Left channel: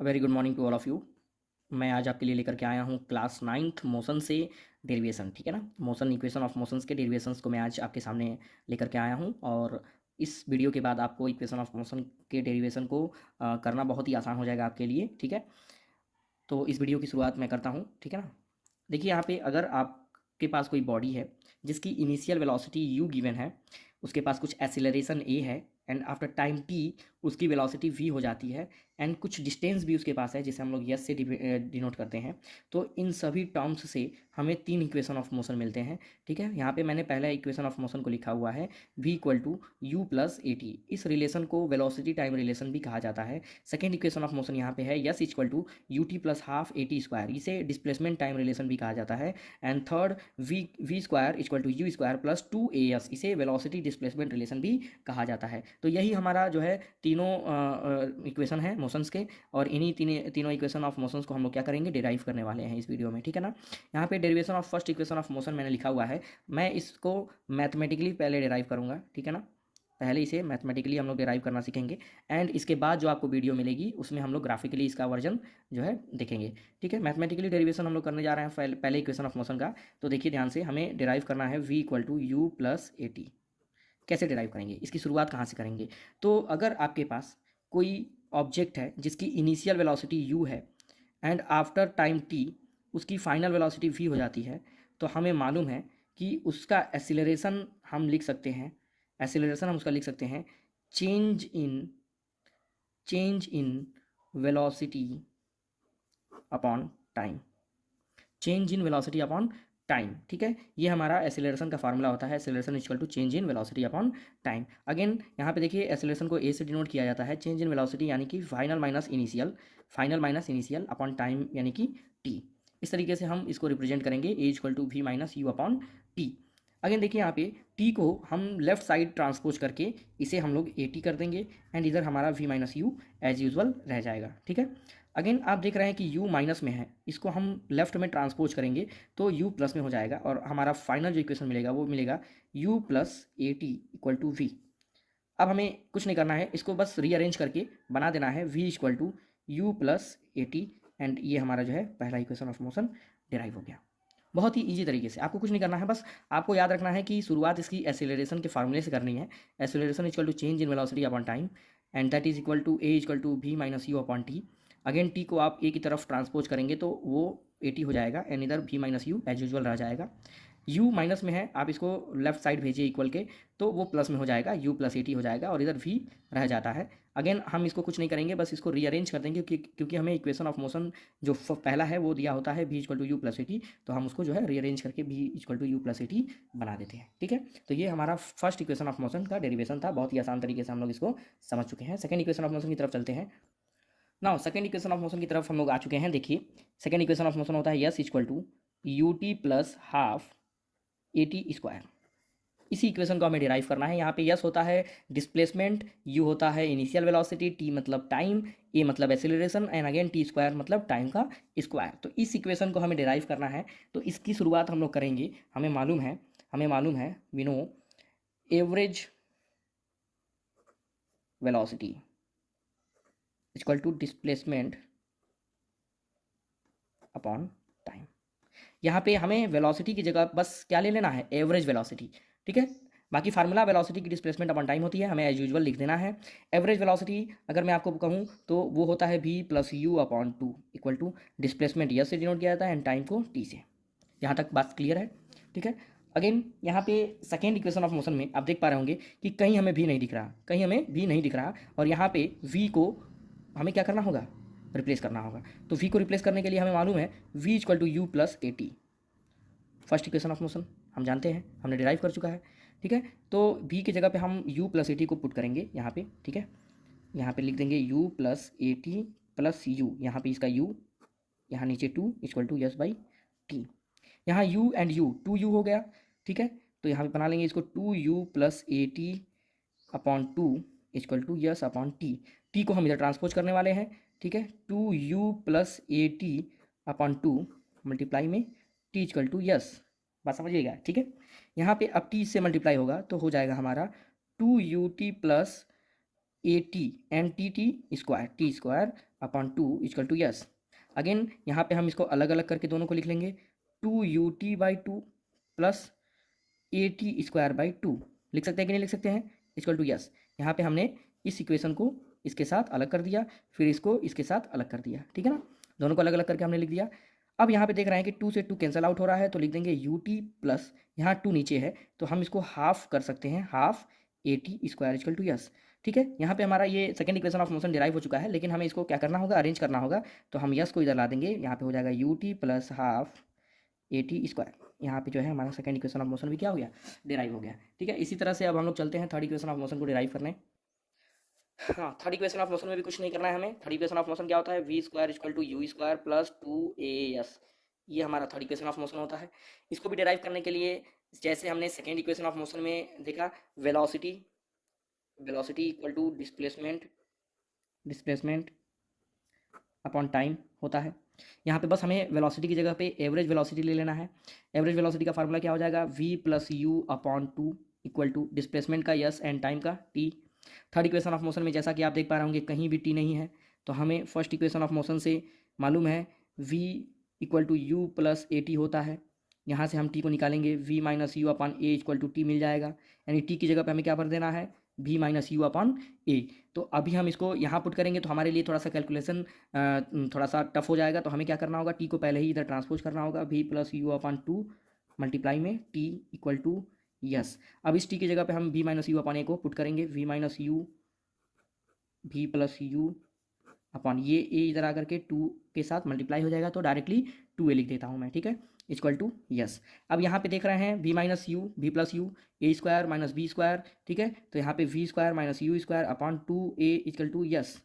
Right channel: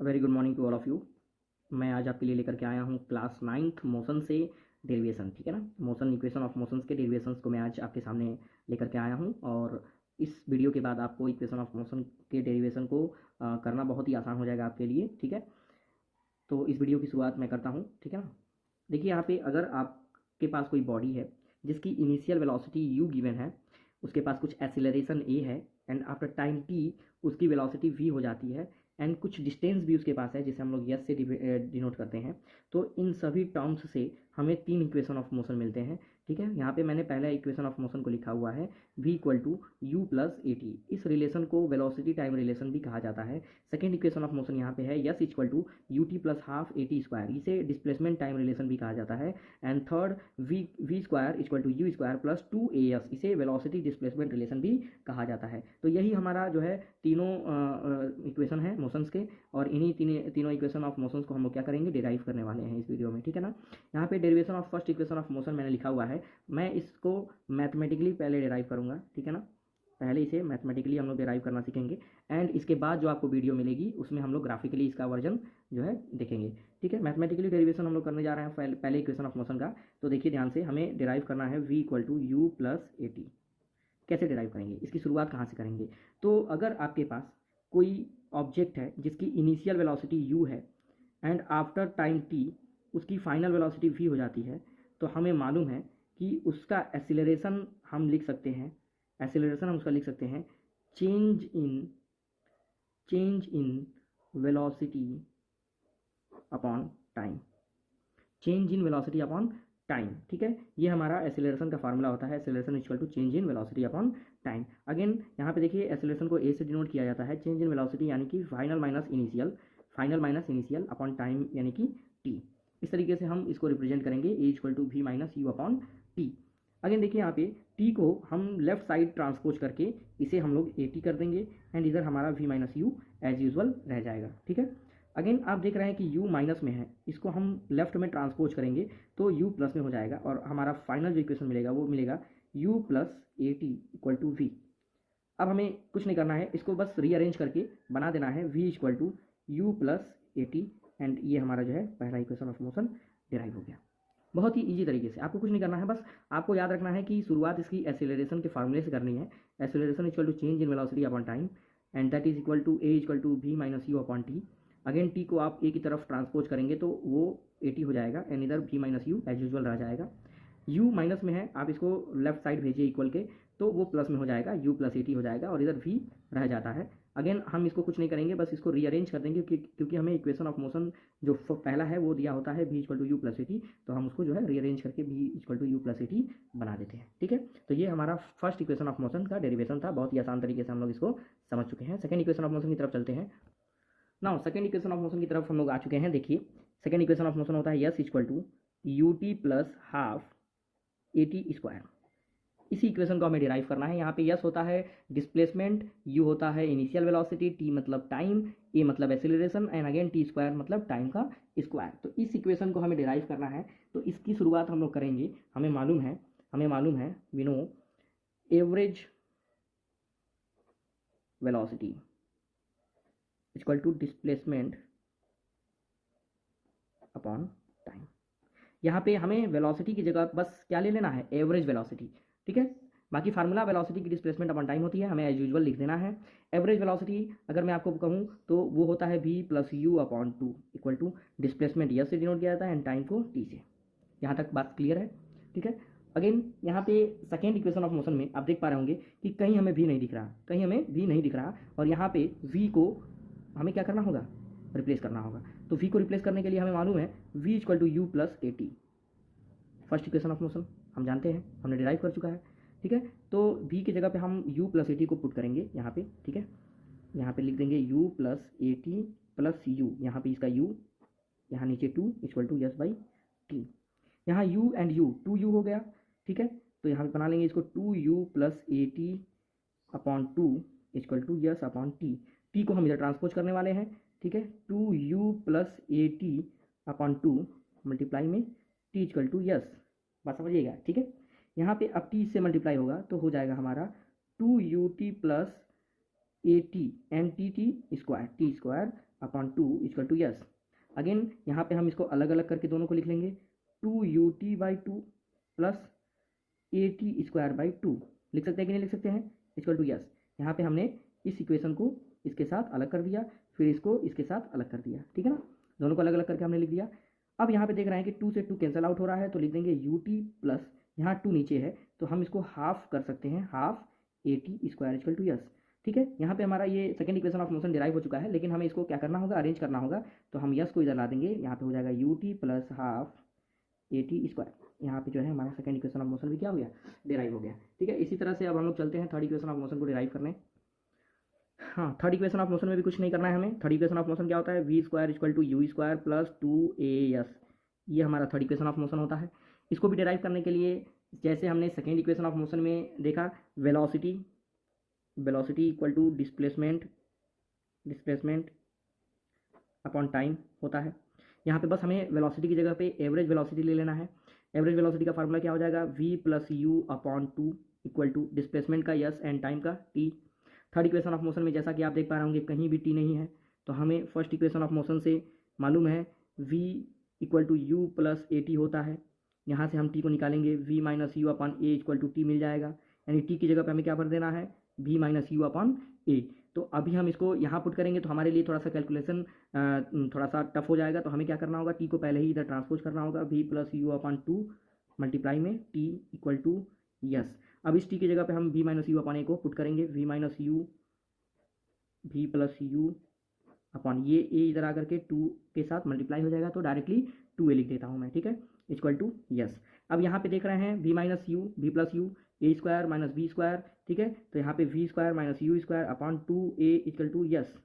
Very good morning to all of you. मैं आज आपके लिए लेकर के आया हूँ क्लास 9th मोशन से डेरिवेशन, ठीक है ना। मोशन इक्वेशन ऑफ मोशंस के डेरिवेशंस को मैं आज आपके सामने लेकर के आया हूँ, और इस वीडियो के बाद आपको इक्वेशन ऑफ मोशन के डेरिवेशन को करना बहुत ही आसान हो जाएगा आपके लिए, ठीक है। तो इस वीडियो की शुरुआत मैं करता हूँ, ठीक है ना। देखिए यहाँ पे अगर आपके पास कोई बॉडी है जिसकी इनिशियल वेलोसिटी u गिवन है, उसके पास कुछ एक्सेलरेशन a है, एंड आफ्टर टाइम t उसकी वेलोसिटी v हो जाती है, एंड कुछ डिस्टेंस भी उसके पास है जिसे हम लोग s से डिनोट करते हैं। तो इन सभी टर्म्स से हमें 3 इक्वेशन ऑफ मोशन मिलते हैं, ठीक है। यहाँ पे मैंने पहला इक्वेशन ऑफ मोशन को लिखा हुआ है v equal to u plus a t. इस रिलेशन को वेलोसिटी टाइम रिलेशन भी कहा जाता है। सेकेंड इक्वेशन ऑफ मोशन यहाँ पे है s equal to u t plus half a t square, इसे डिस्प्लेसमेंट टाइम रिलेशन भी कहा जाता है। And third v square equal to u square plus 2as, इसे वेलोसिटी डिस्प्लेसमेंट रिलेशन भी कहा जाता है। तो यही हमारा जो है तीनों इक्वेशन है मोशंस के, और इन्हीं तीनों इक्वेशन ऑफ मोशंस को हम लोग क्या करेंगे, डिराइव करने वाले हैं इस वीडियो में, ठीक है ना। यहाँ पे derivation of first equation of motion मैंने लिखा हुआ है, मैं इसको मैथमेटिकली पहले डिराइव करूँगा, ठीक है ना। पहले इसे मैथमेटिकली हम लोग डिराइव करना सीखेंगे, एंड इसके बाद जो आपको वीडियो मिलेगी उसमें हम लोग ग्राफिकली इसका वर्जन जो है देखेंगे, ठीक है। मैथमेटिकली डेरिवेशन हम लोग करने जा रहे हैं पहले इक्वेशन ऑफ मोशन का। तो देखिए ध्यान से, हमें डिराइव करना है v equal to u plus a t. कैसे डिराइव करेंगे, इसकी शुरुआत कहाँ से करेंगे। तो अगर आपके पास कोई ऑब्जेक्ट है जिसकी इनिशियल वेलोसिटी u है, एंड आफ्टर टाइम t उसकी फाइनल वेलोसिटी v हो जाती है, तो हमें मालूम है कि उसका एक्सीलरेशन हम लिख सकते हैं, एक्सीलरेशन हम उसका लिख सकते हैं change in velocity upon time, change in velocity upon time, ठीक है। ये हमारा एक्सेलरेशन का फार्मूला होता है, acceleration equal to change in velocity upon time. Again यहाँ पे देखिए एक्सेलरेशन को ए से डिनोट किया जाता है, चेंज इन वेलोसिटी यानी कि final minus initial upon time यानी कि टी। इस तरीके से हम इसको रिप्रेजेंट करेंगे, a equal to v minus u upon t. Again देखिए यहाँ पे टी को हम लेफ्ट साइड ट्रांसपोज करके इसे हम लोग ए टी कर देंगे, एंड इधर हमारा v minus u as usual रह जाएगा, ठीक है। अगेन आप देख रहे हैं कि u माइनस में है, इसको हम लेफ्ट में ट्रांसपोज करेंगे तो u प्लस में हो जाएगा, और हमारा फाइनल जो इक्वेशन मिलेगा वो मिलेगा u plus a t equal to v. अब हमें कुछ नहीं करना है, इसको बस रीअरेंज करके बना देना है v equal to u plus a t, and ये हमारा जो है पहला इक्वेशन ऑफ मोशन डिराइव हो गया। बहुत ही ईजी तरीके से, आपको कुछ नहीं करना है, बस आपको याद रखना है कि शुरुआत इसकी एक्सेलरेशन के फार्मूले से करनी है। Acceleration equal to change in velocity upon time, and that is equal to a equal to v minus u upon t. Again t को आप ए की तरफ ट्रांसपोज करेंगे तो वो ए टी हो जाएगा, एंड इधर v minus u as usual रह जाएगा। u माइनस में है, आप इसको लेफ्ट साइड भेजिए इक्वल के, तो वो प्लस में हो जाएगा, u प्लस ए टी हो जाएगा, और इधर v रह जाता है। अगेन हम इसको कुछ नहीं करेंगे, बस इसको रीअरेंज कर देंगे, क्योंकि हमें इक्वेशन ऑफ मोशन जो पहला है वो दिया होता है v equal to u plus a t, तो हम उसको जो है रीअरेंज करके v equal to u plus a t बना देते हैं, ठीक है। तो ये हमारा फर्स्ट इक्वेशन ऑफ मोशन का डेरिवेशन था, बहुत ही आसान तरीके से हम लोग इसको समझ चुके हैं। सेकंड इक्वेशन ऑफ मोशन की तरफ चलते हैं। Now second equation of motion की तरफ हम लोग आ चुके हैं। देखिए सेकंड इक्वेशन ऑफ मोशन होता है s equal to u t plus half a t square. इसी इक्वेशन को हमें डिराइव करना है। यहाँ पे यस होता है डिस्प्लेसमेंट, यू होता है इनिशियल वेलोसिटी, टी मतलब टाइम, ए मतलब acceleration, and again T square मतलब टाइम का स्क्वायर। तो इस इक्वेशन को हमें डिराइव करना है, तो इसकी शुरुआत हम लोग करेंगे। हमें मालूम है we know average velocity equal to displacement upon time. यहाँ पे हमें वेलोसिटी की जगह बस क्या ले लेना है, एवरेज वेलोसिटी, ठीक है। बाकी फार्मूला वेलोसिटी की डिस्प्लेसमेंट अपॉन टाइम होती है, हमें एज यूजुअल लिख देना है। एवरेज वेलोसिटी अगर मैं आपको कहूँ तो वो होता है v plus u upon two equal to displacement s से डिनोट किया जाता है, एंड टाइम को t से। यहाँ तक बात क्लियर है, ठीक है। अगेन यहाँ पे सेकेंड इक्वेशन ऑफ मोशन में आप देख पा रहे होंगे कि कहीं हमें भी नहीं दिख रहा, और यहाँ पे v को हमें क्या करना होगा, रिप्लेस करना होगा। तो v को रिप्लेस करने के लिए हमें मालूम है v equal to u plus a t. First equation of motion हम जानते हैं, हमने डिराइव कर चुका है, ठीक है। तो v की जगह पे हम u प्लस ए टी को पुट करेंगे यहाँ पे, ठीक है। यहाँ पे लिख देंगे u plus a t plus u, यहाँ पे इसका u, यहाँ नीचे two equal to s by t. यहाँ u and u, two u हो गया, ठीक है। तो यहाँ पे बना लेंगे इसको two u plus a t upon two equal to s upon t. T को हम इधर ट्रांसपोज करने वाले हैं, ठीक है। Two u plus a t upon two multiply में टी इक्वल टू यस, बात समझिएगा, ठीक है। यहाँ पे अब टी से मल्टीप्लाई होगा तो हो जाएगा हमारा two u t plus a t and t square upon 2 equal to s. Again यहाँ पे हम इसको अलग अलग करके दोनों को लिख लेंगे, 2ut/2 प्लस at²/2 लिख सकते हैं कि नहीं लिख सकते हैं, इक्वल टू यस। यहाँ पे हमने इस इक्वेशन को इसके साथ अलग कर दिया, फिर इसको इसके साथ अलग कर दिया, ठीक है ना, दोनों को अलग अलग करके हमने लिख दिया। अब यहाँ पे देख रहे हैं कि 2 से 2 कैंसिल आउट हो रहा है, तो लिख देंगे ut प्लस यहाँ 2 नीचे है तो हम इसको हाफ कर सकते हैं, half at² equal to s. ठीक है, यहाँ पे हमारा ये second equation of motion derive हो चुका है, लेकिन हमें इसको क्या करना होगा, अरेंज करना होगा। तो हम यस को इधर ला देंगे, यहाँ पे हो जाएगा ut प्लस हाफ at²। यहाँ पे जो है हमारा सेकंड इक्वेशन ऑफ मोशन भी क्या हो गया, डिराइव हो गया। ठीक है, इसी तरह से अब हम लोग चलते हैं थर्ड इक्वेशन ऑफ मोशन को डिराइव करने। हाँ, थर्ड इक्वेशन ऑफ मोशन में भी कुछ नहीं करना है हमें। थर्ड इक्वेशन ऑफ मोशन क्या होता है, v² equal to u² plus 2as, ये हमारा थर्ड इक्वेशन ऑफ मोशन होता है। इसको भी डिराइव करने के लिए जैसे हमने सेकेंड इक्वेशन ऑफ मोशन में देखा, velocity equal to displacement upon time होता है। यहाँ पे बस हमें वेलोसिटी की जगह पे एवरेज वेलोसिटी ले लेना है। एवरेज वेलोसिटी का फार्मूला क्या हो जाएगा, v plus u upon 2 equal to displacement का यस एंड टाइम का t। Third equation of motion में जैसा कि आप देख पा रहे होंगे कहीं भी t नहीं है, तो हमें फर्स्ट इक्वेशन ऑफ मोशन से मालूम है v equal to u plus a t होता है। यहाँ से हम t को निकालेंगे, v minus u upon a equal to t मिल जाएगा, यानी t की जगह पे हमें क्या भर देना है, v माइनस यू अपॉन ए। तो अभी हम इसको यहाँ पुट करेंगे तो हमारे लिए थोड़ा सा कैलकुलेशन थोड़ा सा टफ हो जाएगा। तो हमें क्या करना होगा, t को पहले ही इधर ट्रांसपोज करना होगा, v plus u upon 2 multiply में t इक्वल टू यस। अब इस t की जगह पे हम v माइनस यू अपॉन ए को पुट करेंगे, v minus u v plus u upon ये a इधर आकर के 2 के साथ मल्टीप्लाई हो जाएगा, तो डायरेक्टली 2a लिख देता हूँ मैं। ठीक है, इक्वल टू यस। अब यहाँ पे देख रहे हैं v minus u v plus u a² minus b²। ठीक है, तो यहाँ पे v² minus u² upon 2a equal to s.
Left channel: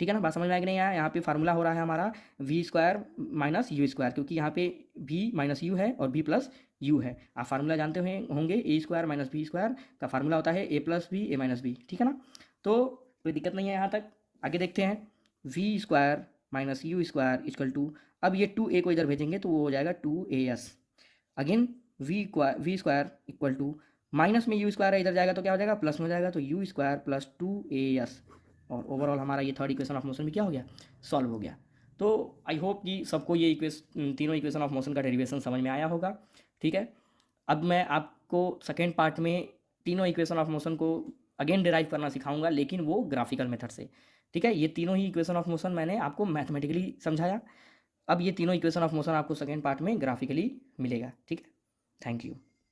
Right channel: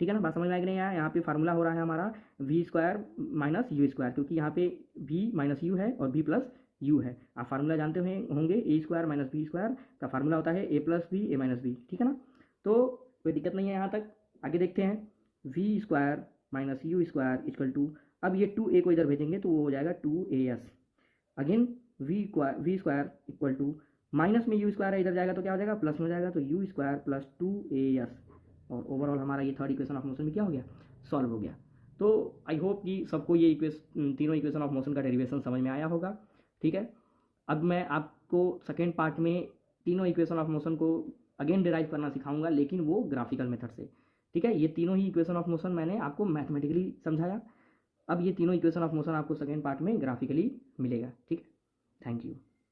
ठीक है ना, बात समझ में आ गई नहीं? यहाँ पे फार्मूला हो रहा है हमारा v² माइनस u², क्योंकि यहाँ पे v माइनस यू है और b प्लस यू है। आप फार्मूला जानते होंगे, a² माइनस b² का फार्मूला होता है a plus b a minus b. ठीक है ना, तो कोई दिक्कत नहीं है यहाँ तक। आगे देखते हैं, v² minus u² equal to, अब ये 2a को इधर भेजेंगे तो वो हो जाएगा 2as। Again v² equal to, minus में u² है, इधर जाएगा तो क्या हो जाएगा, प्लस में हो जाएगा, तो u² प्लस 2as। और ओवरऑल हमारा ये थर्ड इक्वेशन ऑफ मोशन भी क्या हो गया, सॉल्व हो गया। तो आई होप कि सबको ये तीनों इक्वेशन ऑफ मोशन का डेरिवेशन समझ में आया होगा। ठीक है, अब मैं आपको सेकेंड पार्ट में तीनों इक्वेशन ऑफ मोशन को अगेन डिराइव करना सिखाऊंगा, लेकिन वो ग्राफिकल मेथड से। ठीक है, ये तीनों ही इक्वेशन ऑफ मोशन मैंने आपको मैथमेटिकली समझाया, अब ये तीनों इक्वेशन ऑफ मोशन आपको सेकेंड पार्ट में ग्राफिकली मिलेगा। ठीक है, थैंक यू।